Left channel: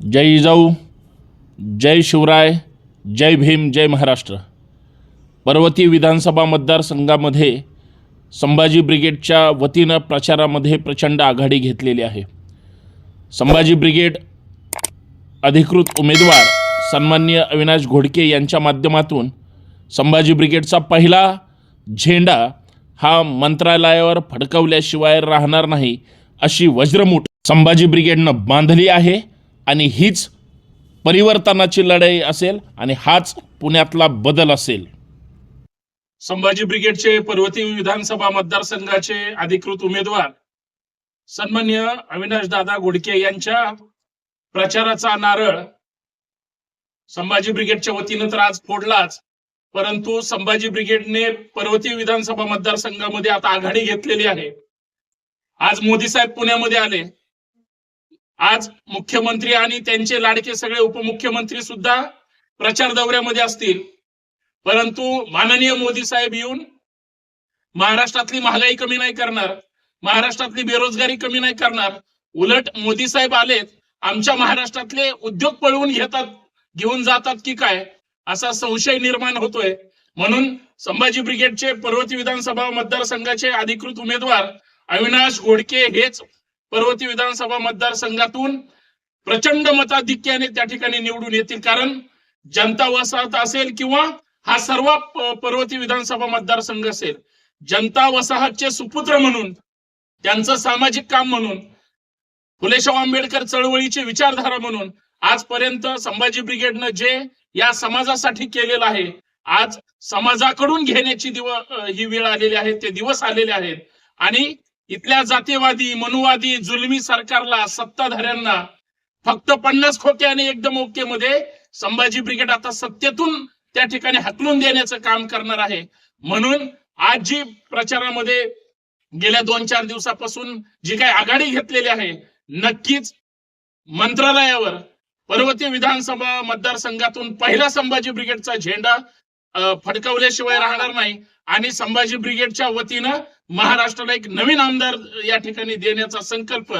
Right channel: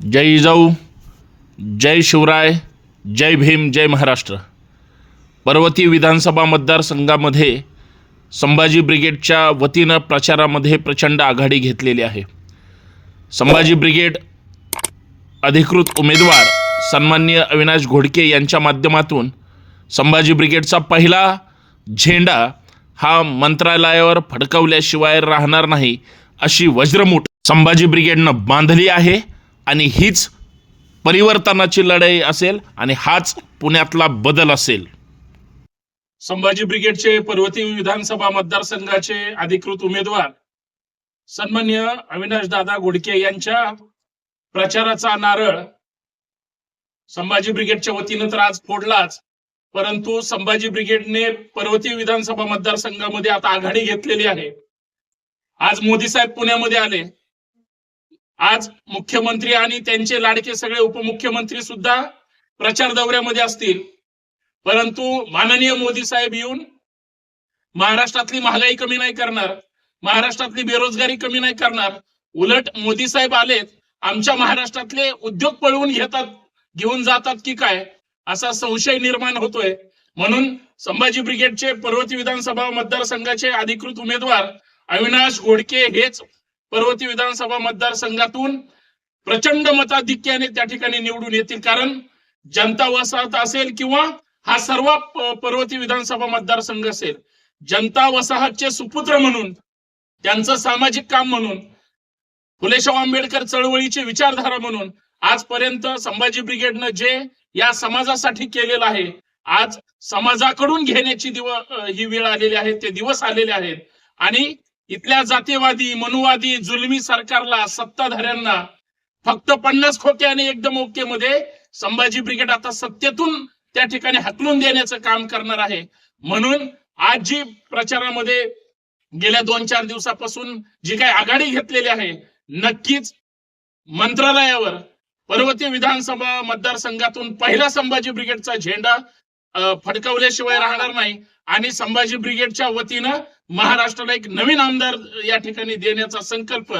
जय जिजाऊ जय शिवराय जय भीम जय महाराष्ट्र. पर्वती विधानसभा मतदारसंघामध्ये संभाजी ब्रिगेडच्या वतीनं प्रचारामध्ये प्रचंड आघाडी घेतलेली आहे. संभाजी ब्रिगेड अधिकृत उमेदवार सन्मान्य अविनाश घोडके यांच्या माध्यमातून संभाजी ब्रिगेडचा पहिला झेंडा हा मंत्रालयावर फडकवल्याशिवाय राहणार नाही अशी वज्रमूठ संभाजी ब्रिगेडनं बांधली आहे. आणि हीच परिवर्तनाची लढाई असेल आणि हाच पुण्यातला बदल असेल. संभाजी ब्रिगेडचे पर्वती विधानसभा मतदारसंघाचे अधिकृत उमेदवार सन्मान्य अविनाश दादा गुडके यांच्या प्रचाराचा नारळ संभाजी ब्रिगेडच्या वतीनं तर आज फोडलाच परंतु संभाजी ब्रिगेडने पर्वती विधानसभा मतदारसंघामध्ये आता आघाडी घेतलेली आहे. आज मोदी साहेब पुण्यामध्ये आले. आज मुख्यमंत्री आणि त्यांचे लाडके सगळे उपमुख्यमंत्री सुद्धा प्रचार दौऱ्यामध्ये असतील. परंतु माननीय मोदी साहेब येऊन महाराष्ट्रातली महागाई कमी नाही करणार महाराष्ट्रातली बेरोजगारी कमी नाही करणार उलट मोदी साहेब आलेत आमच्या महाराष्ट्रातले उद्योग पळवून घेतात घेऊन जातात की काय? असा संशय निर्माण होतोय. म्हणून संभाजी ब्रिगेडचे पर्वती विधानसभा मतदारसंघाचे अधिकृत उमेदवार अविनाश घोडके हेच पर्वती विधानसभा मतदारसंघातून प्रचंड मताधिक्याने त्या ठिकाणी निवडून येतील. कारण जनता वसाहत असेल किंवा हा सर्व पर्वती विधानसभा मतदारसंघ असेल. जनता वसाहतचे सुपुत्र म्हणून त्यांचं सामाजिक काम म्हणून फुलेशाह आंबेडकर चळवळीची विचारधारा म्हणून आजपर्यंत संभाजी ब्रिगेडनं जे या समाजासाठी केलेलं आहे आज समाजाकडून घेण्याची दिव ही वेळ आलेली आहे ते दिवस आलेले आहेत. आणि इथल्या जातीवादी मनुवादी जुलमी सरकारला सत्ताधाऱ्यांना फक्त पन्नास खोके आणि एकदम ओके मध्ये संभाजी ब्रिगेड आता सत्तेतून त्या ठिकाणी हकलून देण्याचं काम करणार आहे. म्हणून आज जी प्रचारामध्ये गेल्या दोन चार दिवसापासून जी काही आघाडी घेतलेली आहे नक्कीच मंत्रालयावर पर्वतीय विधानसभा मतदारसंघातून पहिला संभाजी ब्रिगेडचा झेंडा फडकवल्याशिवाय राहणार नाही. आणि संभाजी ब्रिगेडच्या वतीनं महाराष्ट्राला एक नवीन आमदार या ठिकाणी देण्याचा संकल्प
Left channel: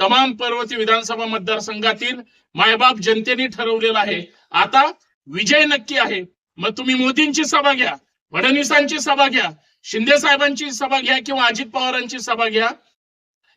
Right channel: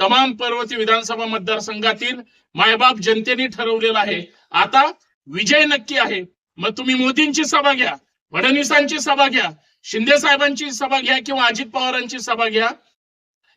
तमाम पर्वती विधानसभा मतदारसंघातील मायबाप जनतेने ठरवलेला आहे. आता विजय नक्की आहे. मग तुम्ही मोदींची सभा घ्या फडणवीसांची सभा घ्या शिंदे साहेबांची सभा घ्या किंवा अजित पवारांची सभा घ्या.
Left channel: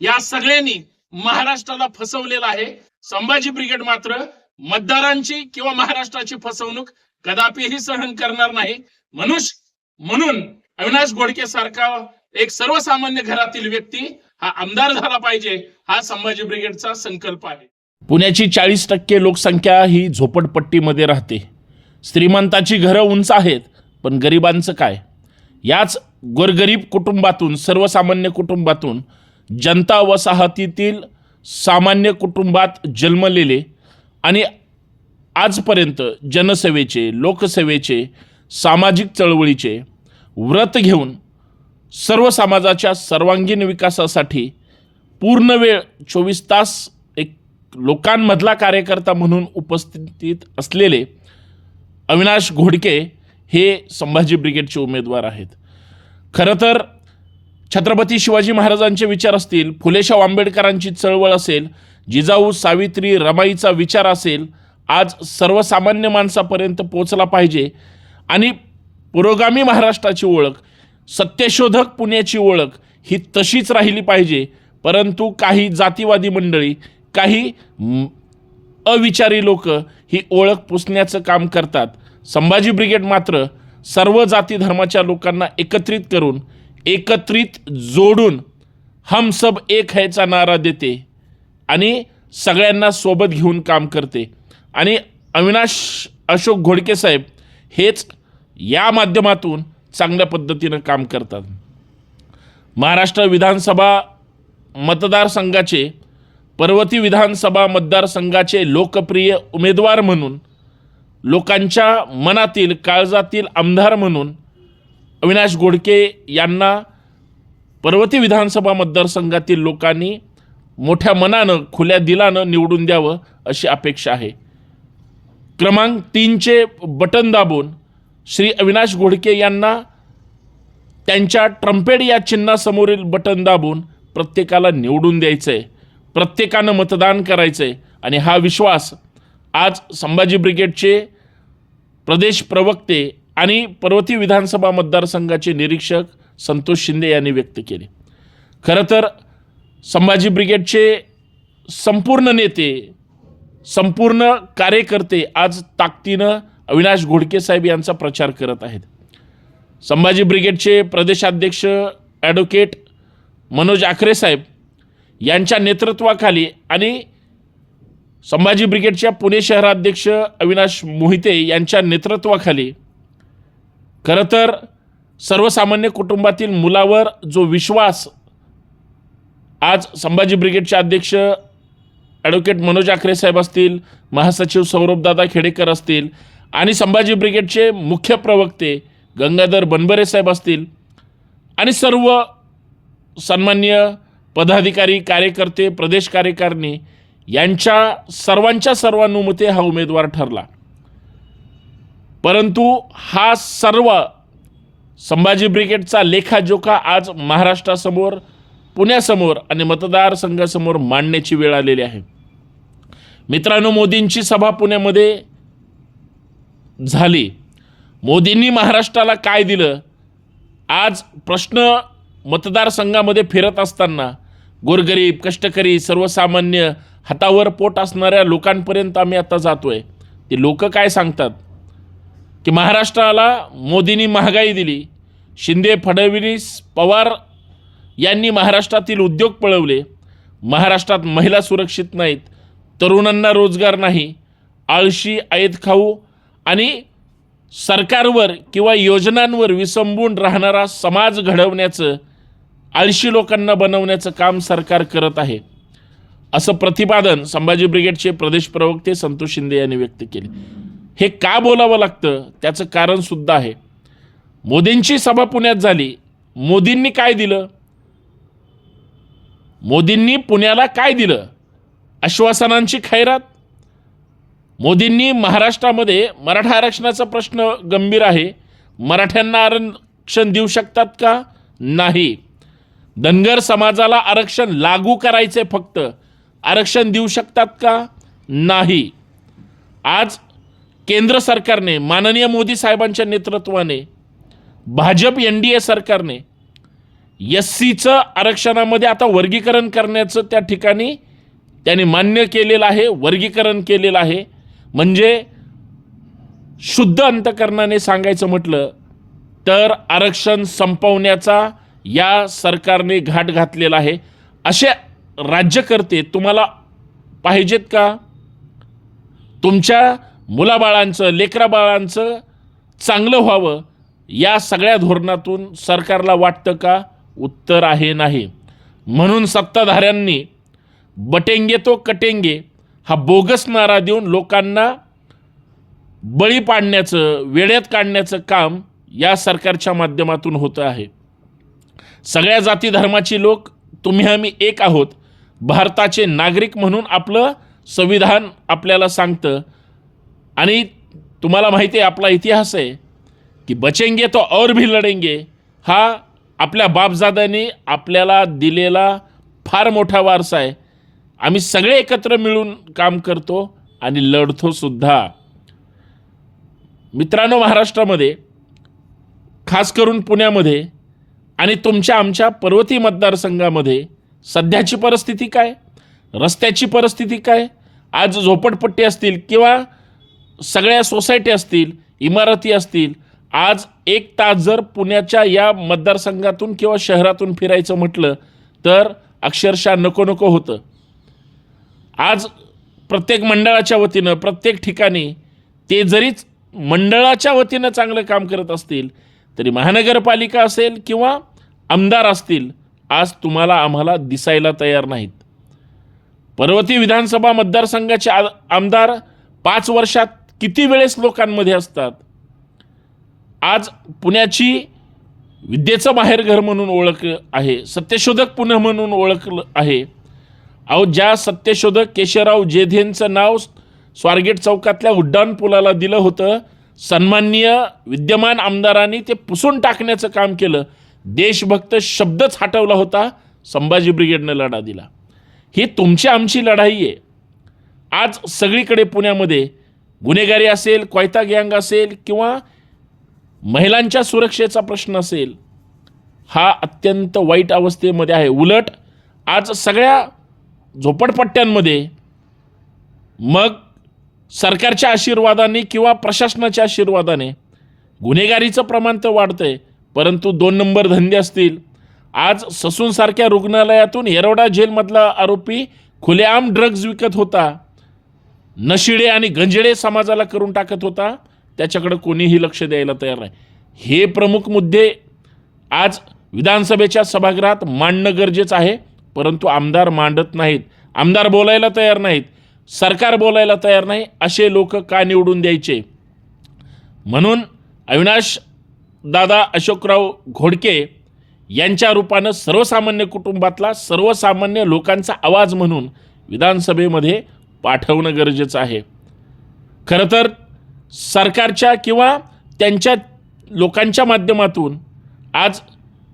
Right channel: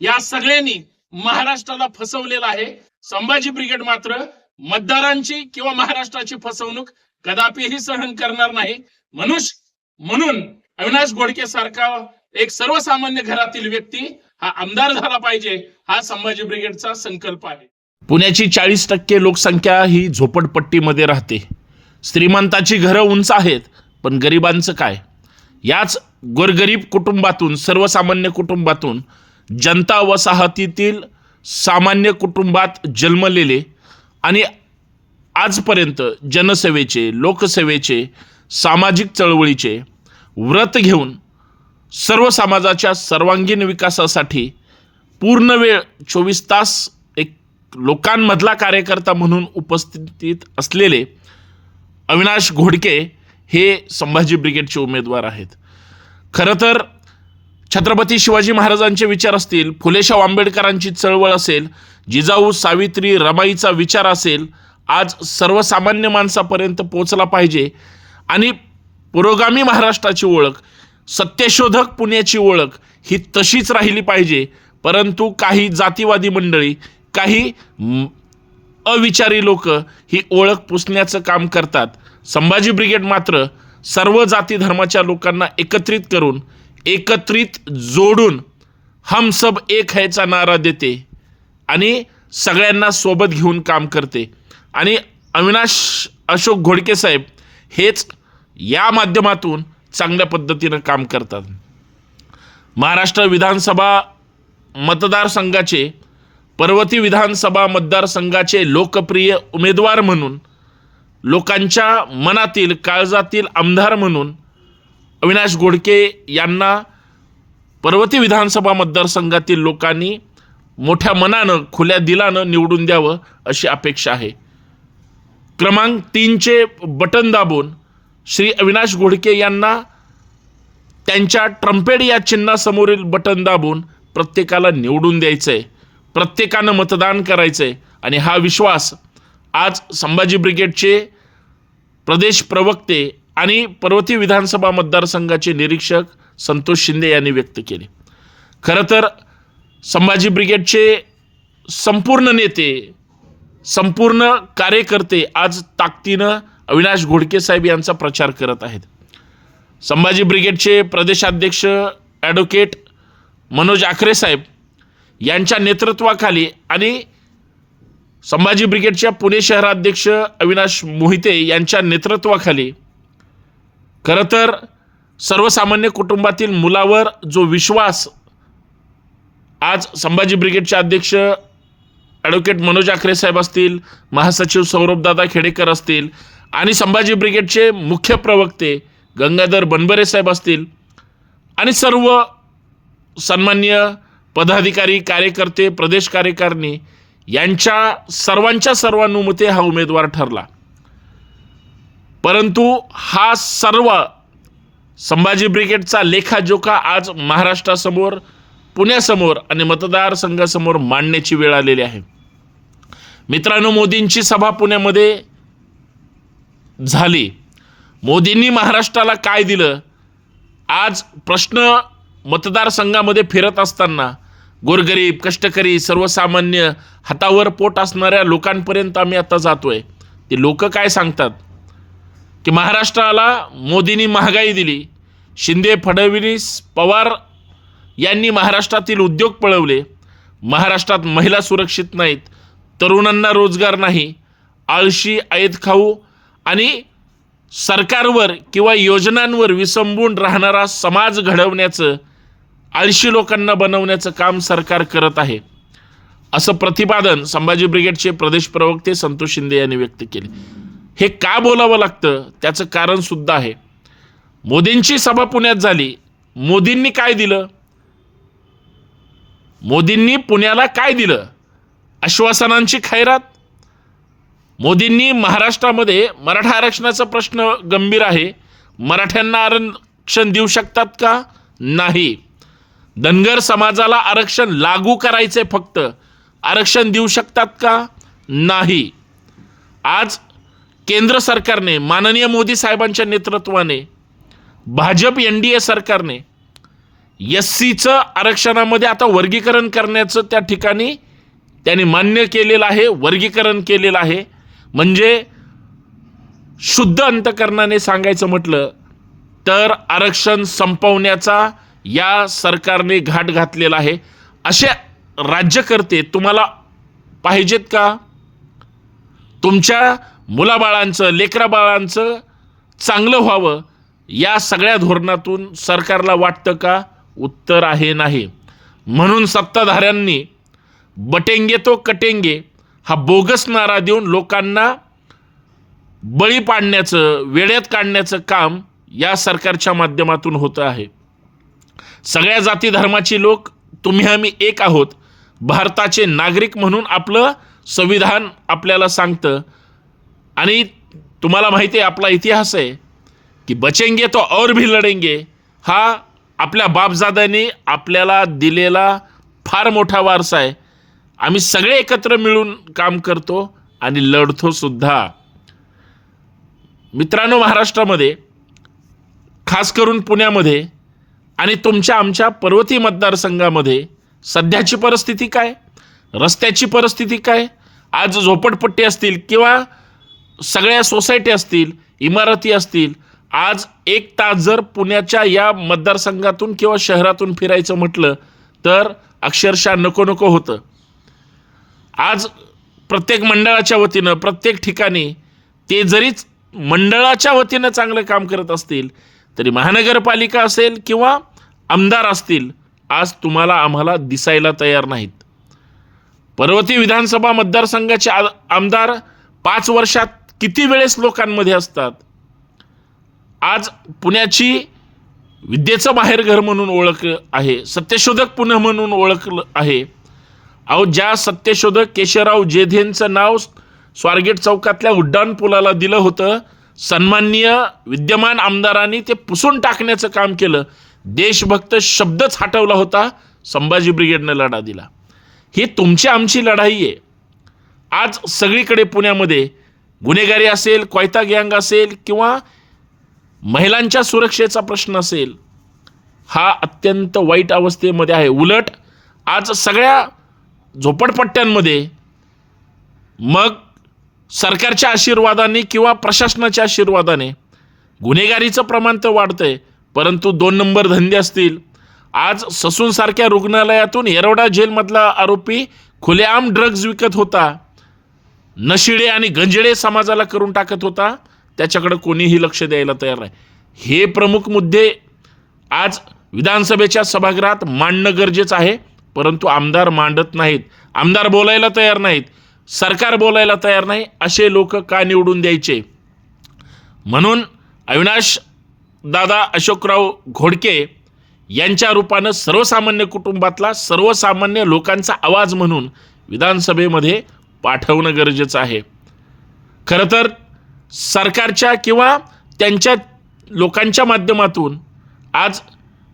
या सगळ्यांनी महाराष्ट्राला फसवलेलं आहे. संभाजी ब्रिगेड मात्र मतदारांची किंवा महाराष्ट्राची फसवणूक कदापिही सहन करणार नाही. मनुष्य म्हणून अविनाश घोडके सारखा एक सर्वसामान्य घरातील व्यक्ती हा आमदार झाला पाहिजे हा संभाजी ब्रिगेडचा संकल्प आहे. पुण्याची चाळीस टक्के लोकसंख्या ही झोपडपट्टीमध्ये राहते. श्रीमंताची घरं उंच आहेत पण गरिबांचं काय? याच गोरगरीब कुटुंबातून सर्वसामान्य कुटुंबातून जनता वसाहतीतील सामान्य कुटुंबात जन्मलेले आणि आजपर्यंत जनसेवेचे लोकसेवेचे सामाजिक चळवळीचे व्रत घेऊन सर्व समाजाच्या सर्वांगीण विकासासाठी पूर्ण वेळ चोवीस तास एक लोकांमधला कार्यकर्ता म्हणून उपस्थित असलेले अविनाश घोडके हे संभाजी ब्रिगेडचे उमेदवार आहेत. खरं तर छत्रपती शिवाजी महाराजांचे विचार असतील फुलेशाह आंबेडकरांची चळवळ असेल जिजाऊ सावित्री रमाईचा विचार असेल आज सर्वसामान्य माणसापर्यंत पोचला पाहिजे. आणि पुरोगामी महाराष्ट्राची ओळख सत्यशोधक पुण्याची ओळख ही तशीच राहिली पाहिजे. परंतु काही जातीवादी मंडळी काही अविचारी लोक ही ओळख पुसण्याचं काम करतात. संभाजी ब्रिगेड मात्र सर्व जाती धर्माच्या लोकांना एकत्रित करून एकत्रित जोडून हम सब एक हैचा नारा देते आणि सगळ्यांना सोबत घेऊन काम करते. आणि अविनाश अशोक घोडके साहेब हेच या माध्यमातून चांगल्या पद्धतीनं काम करतात. महाराष्ट्र विधानसभा मतदारसंघाचे पर्वती विधानसभा मतदारसंघाचे लोकप्रिय उमेदवार म्हणून लोकांच्या मनातील काळजातील आमदार म्हणून अविनाश घोडके यांना पर्वती विधानसभा मतदारसंघातील लोकांनी मोठ्या मनानं खुल्या दिलानं निवडून द्यावं अशी अपेक्षा आहे. क्रमांक तीनचे बटन दाबून श्री अविनाश घोडके यांना त्यांच्या ट्रम्पेड या चिन्हासमोरील बटन दाबून प्रत्येकाला निवडून द्यायचं आहे प्रत्येकानं मतदान करायचं आहे आणि हा विश्वास आज संभाजी ब्रिगेडचे प्रदेश प्रवक्ते आणि पर्वती विधानसभा मतदारसंघाचे निरीक्षक संतोष शिंदे यांनी व्यक्त केले. खरं तर संभाजी ब्रिगेडचे संपूर्ण नेते संपूर्ण कार्यकर्ते आज ताकदीनं अविनाश घोडके साहेब यांचा प्रचार करत आहेत. संभाजी ब्रिगेडचे प्रदेशाध्यक्ष ॲडव्होकेट मनोज आखरे साहेब यांच्या नेतृत्वाखाली आणि संभाजी ब्रिगेडच्या पुणे शहराध्यक्ष अविनाश मोहिते यांच्या नेतृत्वाखाली खरं तर सर्वसामान्य कुटुंबातील मुलावर जो विश्वास आज संभाजी ब्रिगेडचे अध्यक्ष ॲडव्होकेट मनोज आखरे साहेब असतील महासचिव सौरभदादा खेडेकर असतील आणि संभाजी ब्रिगेडचे मुख्य प्रवक्ते गंगाधर बनबरे साहेब असतील. आणि सर्व सन्मान्य पदाधिकारी कार्यकर्ते प्रदेश कार्यकारिणी यांच्या सर्वांच्या सर्वानुमते हा उमेदवार ठरला. परंतु हा सर्व संभाजी ब्रिगेडचा लेखाजोखा आज महाराष्ट्रासमोर पुण्यासमोर आणि मतदारसंघासमोर मांडण्याची वेळ आलेली आहे. मित्रांनो मोदींची सभा पुण्यामध्ये झाली. मोदींनी महाराष्ट्राला काय दिलं? आज प्रश्न मतदारसंघामध्ये फिरत असताना गोरगरीब कष्टकरी सर्वसामान्य हातावर पोट असणाऱ्या लोकांपर्यंत आम्ही आता आहे ते लोक काय सांगतात? की महाराष्ट्राला मोदींनी महागाई दिली. शिंदे फडणवीस पवार यांनी महाराष्ट्रातील उद्योग पळवले. महाराष्ट्रात महिला सुरक्षित नाहीत. तरुणांना रोजगार नाही आळशी ऐत खाऊ आणि सरकारवर किंवा योजनांवर विसंबून राहणारा समाज घडवण्याचं आळशी लोकांना बनवण्याचं काम सरकार करत आहे. असं प्रतिपादन संभाजी ब्रिगेडचे प्रदेश प्रवक्ते संतोष शिंदे यांनी व्यक्त केले. हे का बोलावं लागतं? त्याचं कारण सुद्धा आहे. मोदींची सभा पुण्यात झाली. मोदींनी काय दिलं? मोदींनी पुण्याला काय दिलं? आश्वासनांची खैरात? मोदींनी महाराष्ट्रामध्ये मराठा आरक्षणाचा प्रश्न गंभीर आहे. मराठ्यांना आरक्षण देऊ शकतात का? नाही. धनगर समाजाला आरक्षण लागू करायचे फक्त. आरक्षण देऊ शकतात का? नाही. आज केंद्र सरकारने माननीय मोदी साहेबांच्या नेतृत्वाने भाजप एन डी ए सरकारने एस सीचं आरक्षणामध्ये आता वर्गीकरण करण्याचं त्या ठिकाणी त्यांनी मान्य केलेलं आहे वर्गीकरण केलेलं आहे. म्हणजे शुद्ध अंतकरणाने सांगायचं म्हटलं तर आरक्षण संपवण्याचा या सरकारने घाट घातलेला आहे. असे राज्यकर्ते तुम्हाला पाहिजेत का? तुमच्या मुलाबाळांचं लेकराबाळांचं चांगलं व्हावं या सगळ्या धोरणातून सरकारला वाटतं का? उत्तर आहे नाही. म्हणून सत्ताधाऱ्यांनी बटेंगे तो कटेंगे हा बोगस नारा देऊन लोकांना बळी पाडण्याचं वेड्यात काढण्याचं काम या सरकारच्या माध्यमातून होतं आहे. सगळ्या जाती धर्माची लोक तुम्ही आम्ही एक आहोत. भारताचे नागरिक म्हणून आपलं संविधान आपल्याला सांगतं. आणि तुम्हाला माहिती आहे आपला इतिहास आहे की बचेंगे तो और भी लढेंगे हा आपल्या बापजाद्याने आपल्याला दिलेला फार मोठा वारसा आहे. आम्ही सगळे एकत्र मिळून काम करतो आणि लढतो सुद्धा. मित्रांनो महाराष्ट्रामध्ये खास करून पुण्यामध्ये आणि तुमच्या आमच्या पर्वती मतदारसंघामध्ये सध्याची परिस्थिती काय? रस्त्याची परिस्थिती काय? आज झोपडपट्टी असतील किंवा सगळ्या सोसायटी असतील इमारती असतील आज एक तास जर पुण्याच्या या मतदारसंघातून किंवा शहरातून फिरायचं म्हटलं तर अक्षरशः नको नको होतं. आज प्रत्येक मंडळाच्या वतीनं प्रत्येक ठिकाणी ते जरीच मंडळाच्या वतीनं चांगलं काम करत असतील तरी महानगरपालिका असेल किंवा आमदार असतील आज तुम्हाला आम्हाला दिसायला तयार नाहीत. पर्वती विधानसभा मतदारसंघाचे आ आमदार पाच वर्षात किती वेळेस लोकांमध्ये असतात? आज पुण्याची विद्येचं बाहेरघर म्हणून ओळख आहे सत्यशोधक पुणे म्हणून ओळखलं आहे अहो ज्या सत्यशोधक केशवराव जेधेंचं नाव स्वारगेट चौकातल्या उड्डाण पुलाला दिलं होतं सन्माननीय विद्यमान आमदारांनी ते पुसून टाकण्याचं काम केलं. देशभक्त शब्दच हटवला होता संभाजी ब्रिगेडनं लढा दिला. ही तुमची आमची लढाई आहे. आज सगळीकडे पुण्यामध्ये गुन्हेगारी असेल कोयता गँग असेल किंवा महिलांच्या सुरक्षेचा प्रश्न असेल हा अत्यंत वाईट अवस्थेमध्ये आहे. उलट आज सगळ्या झोपडपट्ट्यांमध्ये मग सरकारच्या आशीर्वादाने किंवा प्रशासनाच्या आशीर्वादाने गुन्हेगारीचं प्रमाण तर वाढतंय परंतु दोन नंबर धंदे असतील. आज ससूनसारख्या रुग्णालयातून येरवडा जेलमधला आरोपी खुलेआम ड्रग्ज विकत होता. नशिडे आणि गंजडे समाजाला करून टाकत होता. त्याच्याकडं कोणीही लक्ष द्यायला तयार नाही. हे प्रमुख मुद्दे आज विधानसभेच्या सभागृहात मांडणं गरजेचं आहे. परंतु आमदार मांडत नाहीत. आमदार बोलायला तयार नाहीत. सरकार बोलायला तयार नाही असे लोक का निवडून द्यायचे? म्हणून अविनाश दादा अशोकराव घोडके यांच्या रूपानं सर्वसामान्य कुटुंबातला सर्वसामान्य लोकांचा आवाज म्हणून विधानसभेमध्ये पाठवणं गरजेचं आहे. खरं तर सरकारच्या किंवा त्यांच्या लोकांच्या माध्यमातून आज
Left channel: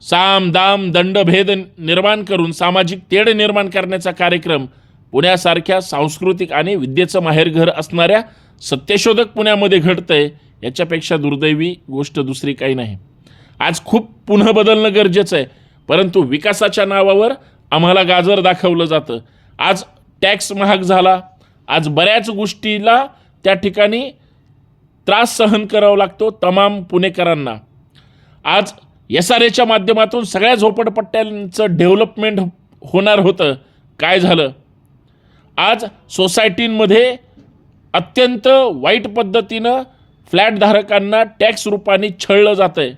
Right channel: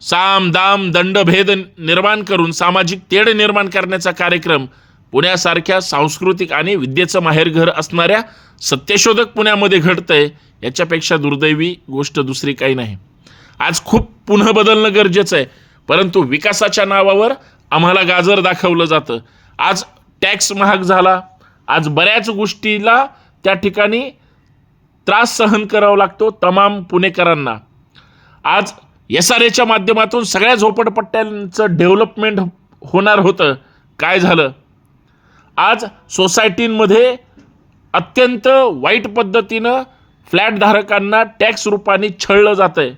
साम दाम दंडभेद निर्माण करून सामाजिक तेढ निर्माण करण्याचा कार्यक्रम पुण्यासारख्या सांस्कृतिक आणि विद्येचं माहेरघर असणाऱ्या सत्यशोधक पुण्यामध्ये घडतंय याच्यापेक्षा दुर्दैवी गोष्ट दुसरी काही नाही. आज खूप पुन्हा बदलणं गरजेचं आहे परंतु विकासाच्या नावावर आम्हाला गाजर दाखवलं जातं. आज टॅक्स महाग झाला. आज बऱ्याच गोष्टीला त्या ठिकाणी त्रास सहन करावा लागतो तमाम पुणेकरांना. आज एस आर एच्या माध्यमातून सगळ्या झोपडपट्ट्यांचं डेव्हलपमेंट होणार होतं. काय झालं? आज सोसायटींमध्ये अत्यंत वाईट पद्धतीनं फ्लॅटधारकांना टॅक्स रूपाने छळलं जातं आहे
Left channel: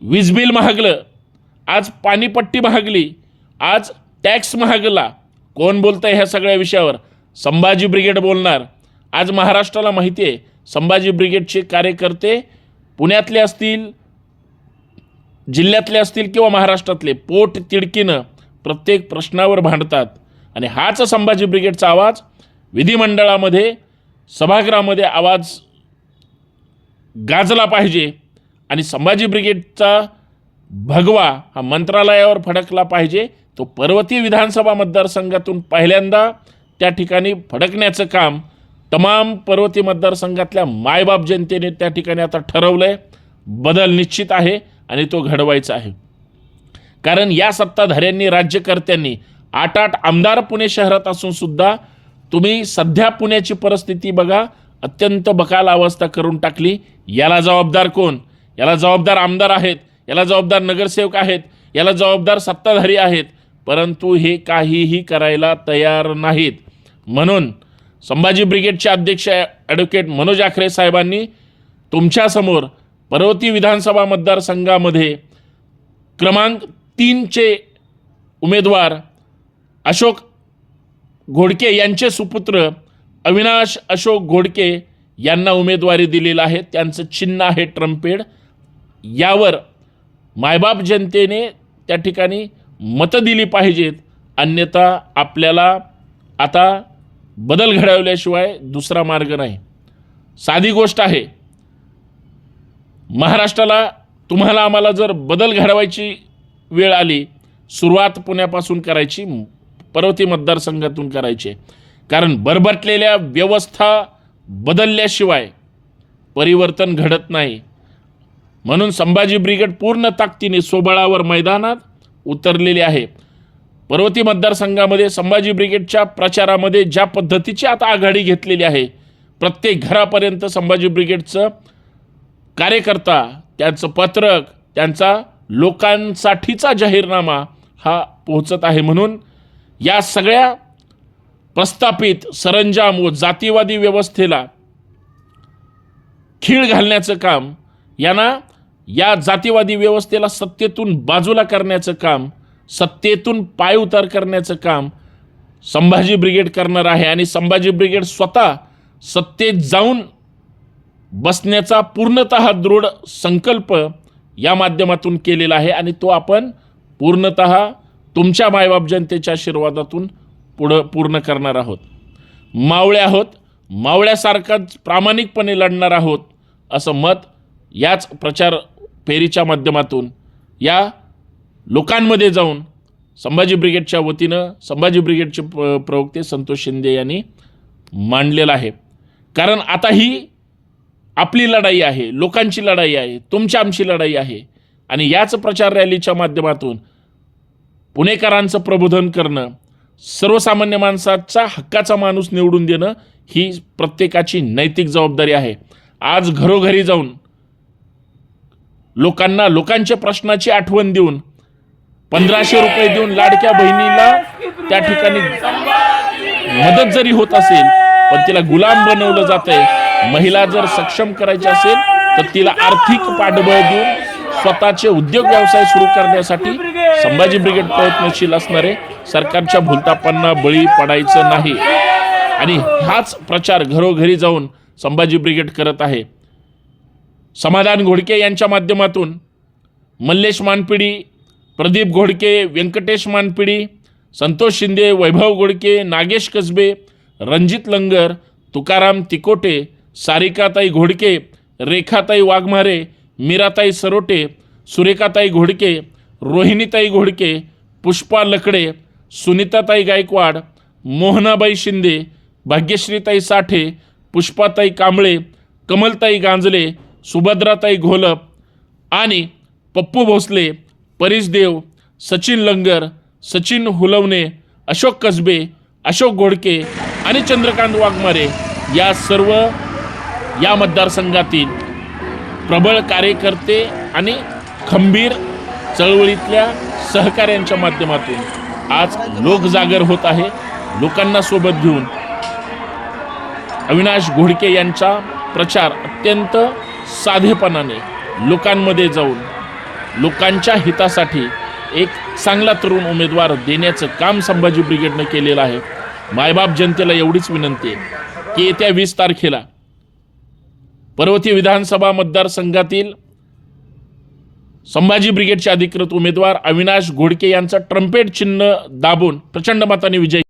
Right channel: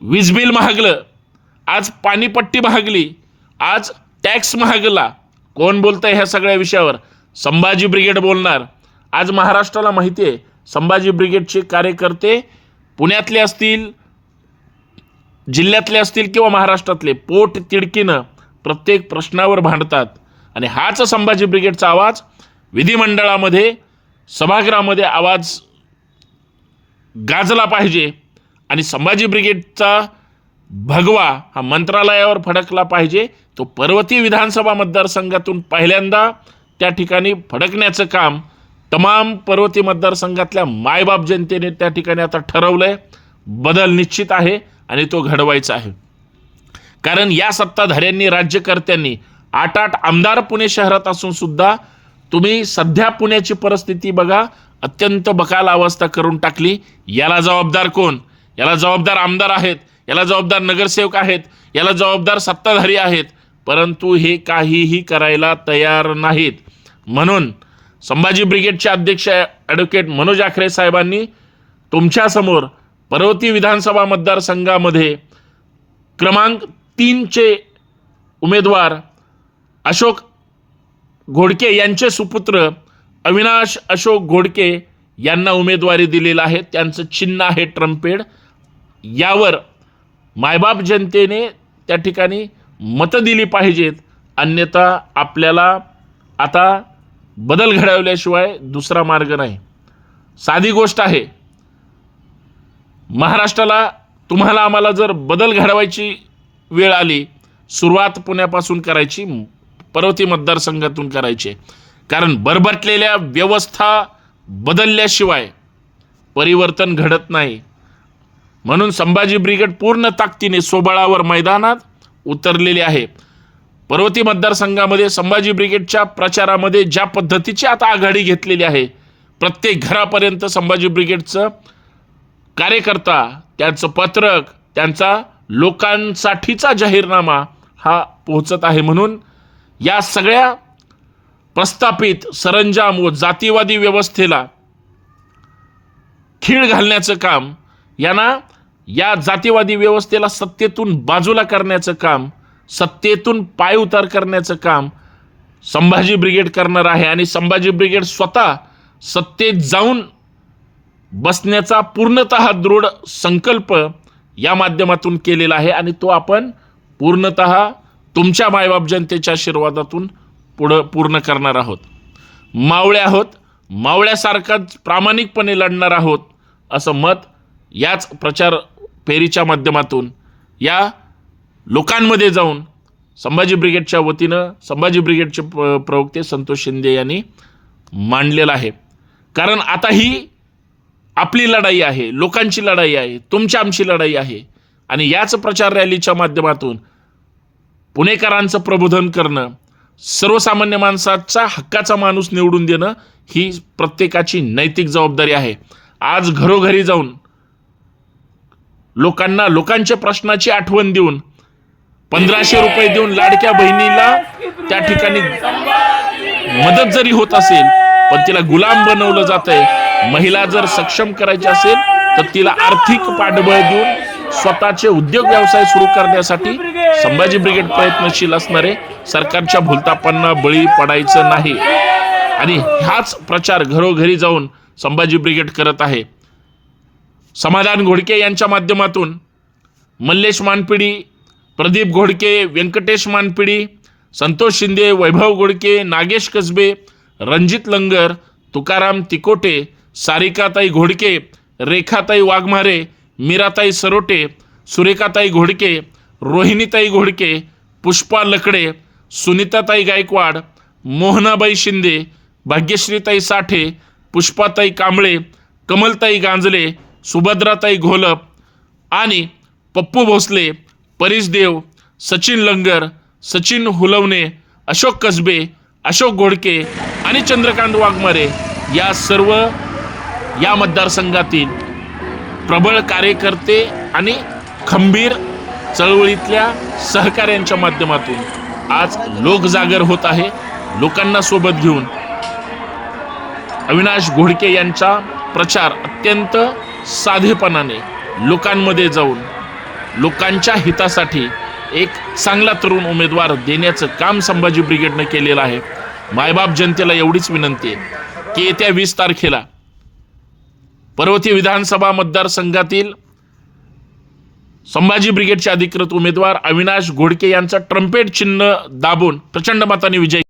वीज बिल महागलं. आज पाणीपट्टी महागली. आज टॅक्स महागला. कोण बोलतंय ह्या सगळ्या विषयावर? संभाजी ब्रिगेड बोलणार. आज महाराष्ट्राला माहिती आहे संभाजी ब्रिगेडचे कार्यकर्ते पुण्यातले असतील जिल्ह्यातले असतील किंवा महाराष्ट्रातले पोट तिडकीनं प्रत्येक प्रश्नावर भांडतात. आणि हाच संभाजी ब्रिगेडचा आवाज. विधिमंडळामध्ये सभागृहामध्ये आवाज गाजला पाहिजे. आणि संभाजी ब्रिगेडचा भगवा हा मंत्रालयावर फडकला पाहिजे. तो पर्वती विधानसभा मतदारसंघातून पहिल्यांदा त्या ठिकाणी फडकण्याचं काम तमाम पर्वती मतदारसंघातल्या मायबाप जनतेने त्या ठिकाणी आता ठरवलं आहे बदल निश्चित आहे. आणि तो घडवायचा आहे. कारण या सत्ताधाऱ्यांनी राज्यकर्त्यांनी आठ आठ आमदार पुणे शहरात असून सुद्धा तुम्ही सध्या पुण्याची परिस्थिती बघा अत्यंत बकाल अवस्था करून टाकली. याला जबाबदार कोण? याला जबाबदार आमदार आहेत याला जबाबदार नगरसेवक आहेत याला जबाबदार सत्ताधारी आहेत परंतु हे काहीही करायला तयार नाहीत. म्हणून संभाजी ब्रिगेडचे अध्यक्ष ॲडव्होकेट मनोज आखरे साहेबांनी तुमच्यासमोर पर्वती विधानसभा मतदारसंघामध्ये क्रमांक तीनचे उमेदवार अशोक घोडके यांचे सुपुत्र अविनाश अशोक घोडके यांना उमेदवारी दिलेला आहे. त्यांचं चिन्ह आहे ट्रम्पेड. यावर मायबाप जनतेने त्या ठिकाणी मतं दिली पाहिजेत. अन्यथा आपल्याला आता बदल घडवल्याशिवाय दुसरा मार्ग नाही. साधी गोष्ट आहे. महाराष्ट्राला तुम्हाला आम्हाला जर बदल घडवायची वेळ आली सुरुवात पुण्यापासून करायची पर्वती मतदारसंघातून करायची. कारण बरबटलेल्या व्यवस्था बदलल्याशिवाय परिवर्तन घडत नाही. म्हणून संभाजी ब्रिगेड पूर्ण ताकदीने सोबळावर मैदानात उतरलेली आहे. पर्वती मतदारसंघामध्ये संभाजी ब्रिगेडच्या प्रचारामध्ये ज्या पद्धतीची आता आघाडी घेतलेली आहे प्रत्येक घरापर्यंत संभाजी ब्रिगेडचं कार्यकर्ता त्यांचं पत्रक त्यांचा लोकांसाठीचा जाहीरनामा हा पोहोचत आहे म्हणून या सगळ्या प्रस्थापित सरंजाम व जातीवादी व्यवस्थेला खीळ घालण्याचं काम यांना या जातीवादी व्यवस्थेला सत्तेतून बाजूला करण्याचं काम सत्तेतून पाय उतार करण्याचं काम संभाजी ब्रिगेड करणार आहे आणि संभाजी ब्रिगेड स्वतः सत्तेत जाऊन बसण्याचा पूर्णत दृढ संकल्प या माध्यमातून केलेला आहे आणि तो आपण पूर्णत तुमच्या मायबाप जनतेच्या आशीर्वादातून पुढं पूर्ण करणार आहोत. मावळे आहोत मावळ्यासारखाच प्रामाणिकपणे लढणार आहोत असं मत याच प्रचार फेरीच्या माध्यमातून या लोकांमध्ये जाऊन संभाजी ब्रिगेडच्या वतीनं संभाजी ब्रिगेडचे प्रवक्ते संतोष शिंदे यांनी मांडलेलं आहे. कारण आता ही आपली लढाई आहे लोकांची लढाई आहे तुमची आमची लढाई आहे. आणि याच प्रचार रॅलीच्या माध्यमातून पुणेकरांचं प्रबोधन करणं सर्वसामान्य माणसाचा हक्काचा माणूस निवडून देणं ही प्रत्येकाची नैतिक जबाबदारी आहे. आज घरोघरी जाऊन लोकांना लोकांच्या प्रश्नाची आठवण देऊन पंधराशे रुपये देऊन लाडक्या बहिणीला त्या ठिकाणी मदत जरी होत असेल पण तिला गुलाम बनवलं जात आहे महिला जर सक्षम करायची असेल तर तिला आर्थिक पाठबळ देऊन स्वतःचे उद्योग व्यवसाय सुरू करण्यासाठी संभाजी ब्रिगेड प्रयत्नशील असणारे सरकारच्या भूलतापांना बळी पडायचं नाही. आणि हाच प्रचार घरोघरी जाऊन संभाजी ब्रिगेड करत आहे. समाधान घोडके यांच्या माध्यमातून मल्लेश मानपिडी प्रदीप घोडके व्यंकटेश मानपिडी संतोष शिंदे वैभव घोडके नागेश कसबे रणजित लंगर तुकाराम तिकोटे सारिकाताई घोडके रेखाताई वाघमारे मीराताई सरोटे सुरेखाताई घोडके रोहिणीताई घोडके पुष्पा लकडे सुनीताताई गायकवाड मोहनाबाई शिंदे भाग्यश्रीताई साठे पुष्पाताई कांबळे कमलताई गांजले सुभद्राताई घोलप आणि पप्पू भोसले परीस देव सचिन लंगर सचिन हुलवणे अशोक कसबे अशोक घोडके आणि चंद्रकांत वाघमारे. या सर्व या मतदारसंघातील प्रबळ कार्यकर्ते आणि खंबीर चळवळीतल्या सहकाऱ्यांच्या माध्यमातून आज लोकजागर होत आहे. लोकांना सोबत घेऊन अविनाश घोडके यांचा प्रचार अत्यंत साधेपणाने लोकांमध्ये जाऊन लोकांच्या हितासाठी एक चांगला तरुण उमेदवार देण्याचं काम संभाजी ब्रिगेडने केलेलं आहे. मायबाप जनतेला एवढीच विनंती आहे की येत्या वीस तारखेला पर्वती विधानसभा मतदारसंघातील संभाजी ब्रिगेडचे अधिकृत उमेदवार अविनाश घोडके यांचा ट्रम्पेट चिन्ह दाबून प्रचंड मताने विजय